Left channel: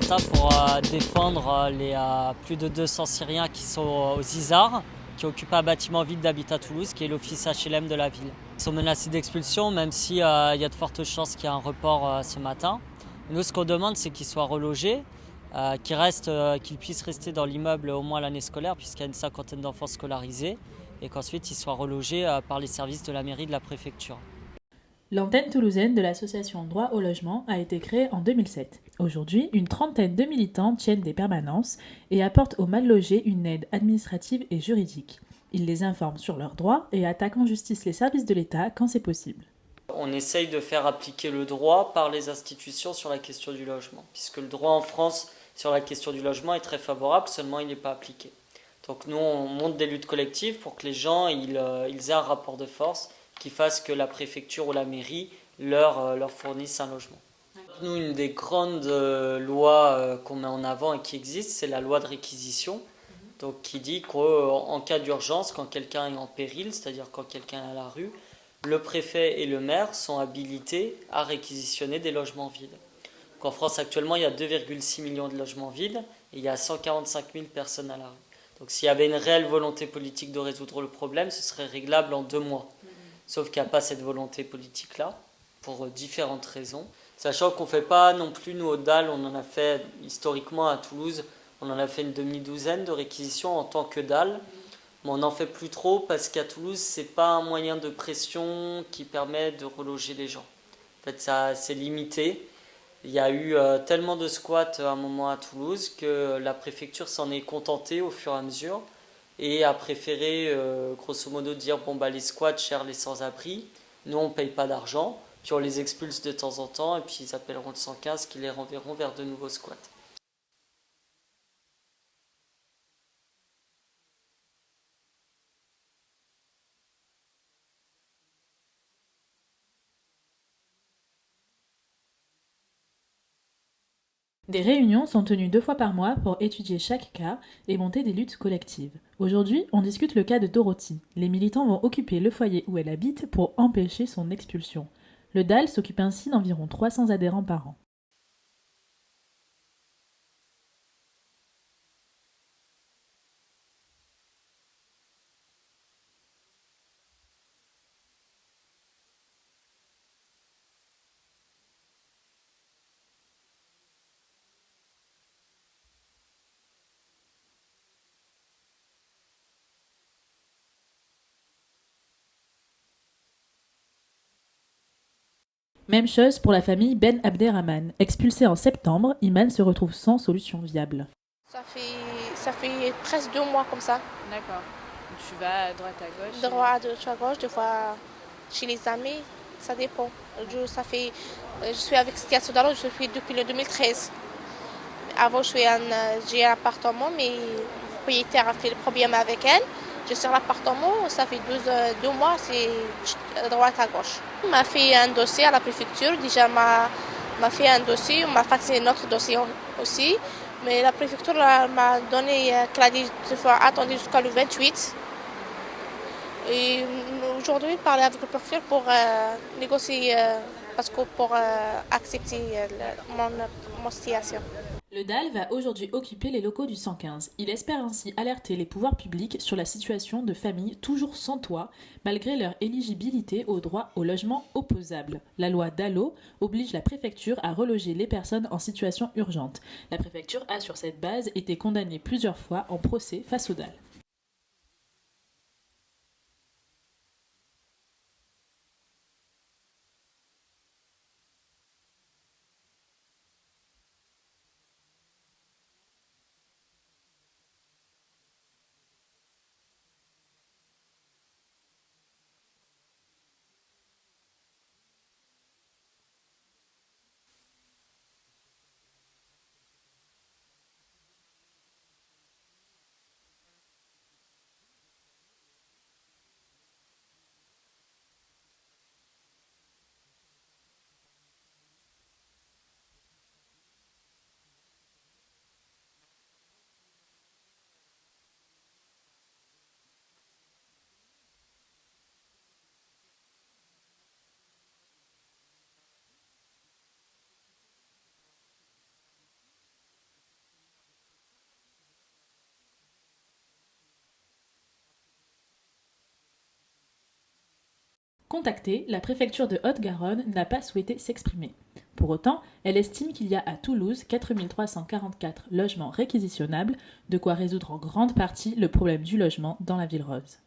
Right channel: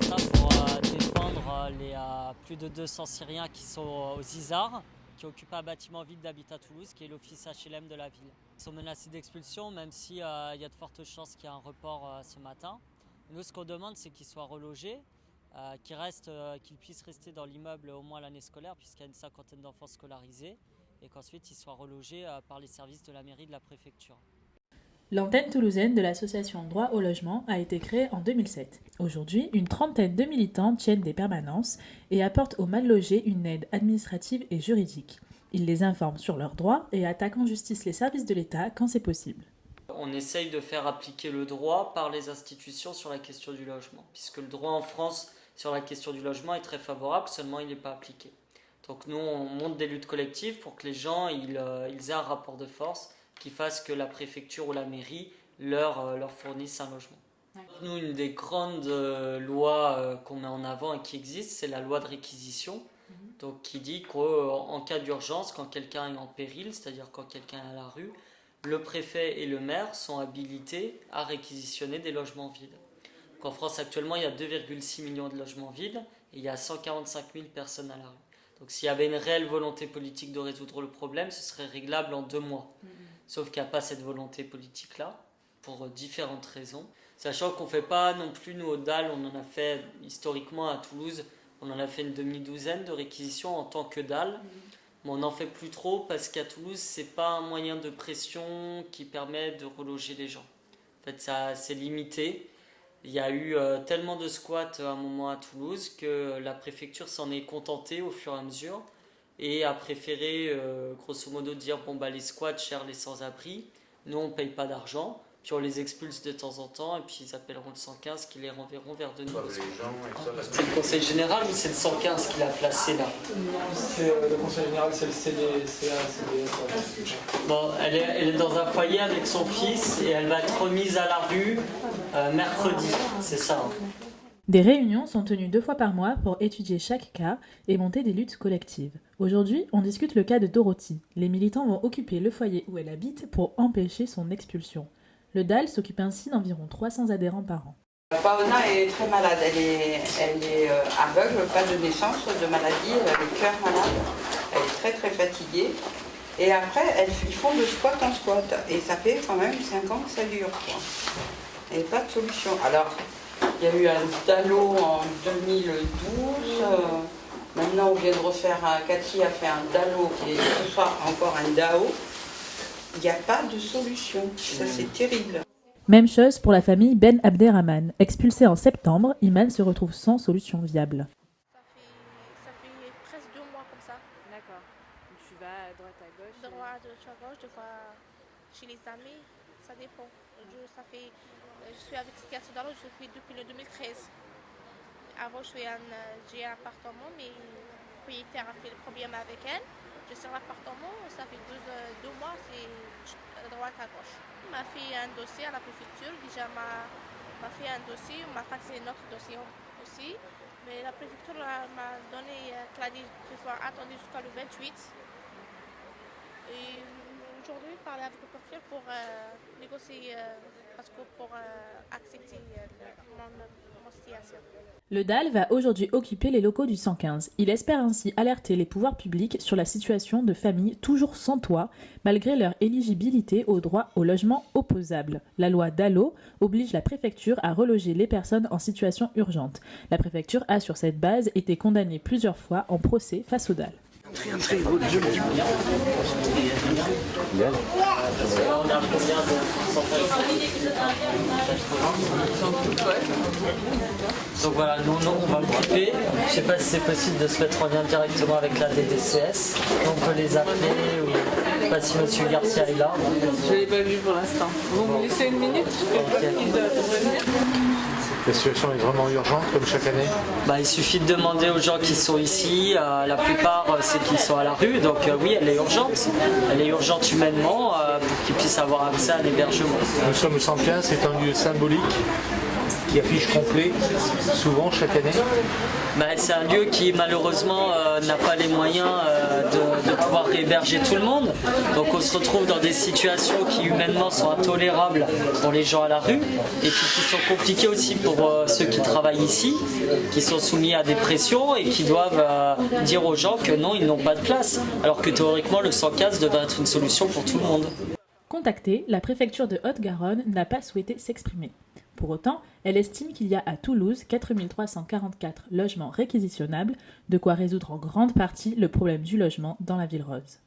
matin pour défendre les plus de 200 Syriens qui sont aux Izars, qui occupent un bâtiment vide d'Habitat Toulouse, qui est l'office HLM de la ville. Ils sont menacés d'expulsion, même s'il y a de fortes chances qu'il y ait un report ce matin. Nous, ce qu'on demande, c'est qu'ils soient relogés, qu'ils puissent rester dans l'immeuble au moins l'année scolaire, puisqu'il y a une cinquantaine d'enfants scolarisés, et qu'ensuite ils soient relogés par les services de la mairie de la préfecture. L'antenne toulousaine de l'association Droit au logement a été créée en 2007. Aujourd'hui, une trentaine de militants tiennent des permanences et apportent aux mal logés une aide administrative et juridique. Ils les informent sur leurs droits et attaquent en justice les services de l'État quand c'est possible. On essaye de faire appliquer le droit par les institutions sur la question du logement, puisque le droit en France sur la question du logement est très favorable, seulement il n'est pas appliqué. Donc nous, on monte des luttes collectives pour que les gens ils aient un rapport de force qui fasse que la préfecture ou la mairie leur fournisse un logement. Nous, une des grandes lois qu'on met en avant et qui existe, c'est la loi de réquisition, donc qui dit qu'en cas d'urgence, quand quelqu'un est en péril, c'est-à-dire quand quelqu'un est à la rue, le préfet et le maire sont habilités à réquisitionner des logements vides. Donc en France, actuellement, il y a 2,6 millions de logements vides et il y a 145 000 personnes à la rue. Donc s'il y avait une réelle volonté politique de résoudre le problème, ce serait réglable en 2 mois. Sauf qu'il n'y a pas cette volonté politique-là, pour différentes raisons. Sachant qu'on ne fait pas non plus, nous, au DAL, on en a fait historiquement à Toulouse, on en a fait une demi-douzaine de réquisitions en tant que DAL. Mais on n'en fait plus trop parce qu'à Toulouse, ce n'est pas un moyen de pression qui permet de reloger les gens. En fait, ça, c'est limité. Il y a eu tellement de squats à un moment à Toulouse que la préfecture s'en est contentée au fur et à mesure et a préféré grosso modo dire les squats gèrent les sans-abri, nous on ne paye pas d'argent, puis on les expulse de temps en temps et puis ils appelleront le 115 qui les renverront vers de nouveaux squats. C'est le conseil général ou c'est le 115 qui l'a placé là? C'est le conseil général, c'est le CDA. Bon, elle est dans un foyer avec son fils et elle va être remise à la rue mercredi, c'est ça. Des réunions sont tenues 2 fois par mois pour étudier chaque cas et monter des luttes collectives. Aujourd'hui, on discute le cas de Dorothy. Les militants vont occuper le foyer où elle habite pour empêcher son expulsion. Le DAL s'occupe ainsi d'environ 300 adhérents par an. Paona est très malade, elle est aveugle, pas de naissance, de maladie, elle a le cœur malade, elle est très très fatiguée. Et après, ils font de squat en squat, et ça fait quand même 5 ans que ça dure, quoi. Et pas de solution. Alors, il y a eu un DALO en 2012, maintenant on vient de refaire, Cathy a fait un DALO qui est ce soir encore un DAO. Il n'y a pas de solution, ça c'est terrible. Même chose pour la famille Ben Abderrahman. Expulsé en septembre, Iman se retrouve sans solution viable. Ça fait presque 2 mois comme ça. D'accord. Tu vas à droite à gauche? Droite à gauche, des fois chez les amis, ça dépend. Je suis avec Stia Sodalo, je suis depuis le 2013. Avant, j'ai un appartement, mais le propriétaire a fait le problème avec elle. Je suis sur l'appartement, ça fait 2 mois, c'est droite à gauche. On m'a fait un dossier à la préfecture, déjà m'a fait un dossier, on m'a faxé notre dossier aussi. Mais la préfecture m'a donné, qu'elle a dit qu'il faut attendre jusqu'à le 28. Et aujourd'hui, je parlais avec le préfet pour négocier, pour accepter mon situation. Le DAL va aujourd'hui occuper les locaux du 115. Il espère ainsi alerter les pouvoirs publics sur la situation de familles toujours sans toit, malgré leur éligibilité au droit au logement opposable. La loi DALO oblige la préfecture à reloger les personnes en situation urgente. La préfecture a sur cette base été condamnée plusieurs fois en procès face au DAL. Donc voilà, nous on va l'occuper. Je ne sais pas si c'est possible de se mettre en lien directement avec la DDCS. On peut les appeler ou je ne sais pas si monsieur Garcia est là. Je ne l'ai pas vu pour l'instant. Vous me laissez une minute? Il doit revenir. La situation est vraiment urgente comme chaque année? Il suffit de demander aux gens qui sont ici. La plupart c'est qu'ils sont à la rue. Donc oui, elle est urgente. Elle est urgente humainement pour qu'ils puissent avoir accès à un hébergement. Nous sommes au 115, c'est un lieu symbolique qui affiche complet, souvent chaque année. C'est un lieu qui malheureusement n'a pas les moyens de pouvoir héberger tout le monde. Donc on se retrouve dans des situations qui humainement sont intolérables pour les gens à la rue et puis qui sont compliquées aussi pour ceux qui travaillent ici, qui sont soumis à des pressions et qui doivent dire aux gens que non, ils n'ont pas de place. Alors que théoriquement le 115 devrait être une solution pour tout le monde. Contactée, la préfecture de Haute-Garonne n'a pas souhaité s'exprimer. Pour autant, elle estime qu'il y a à Toulouse 4344 logements réquisitionnables, de quoi résoudre en grande partie le problème du logement dans la ville rose.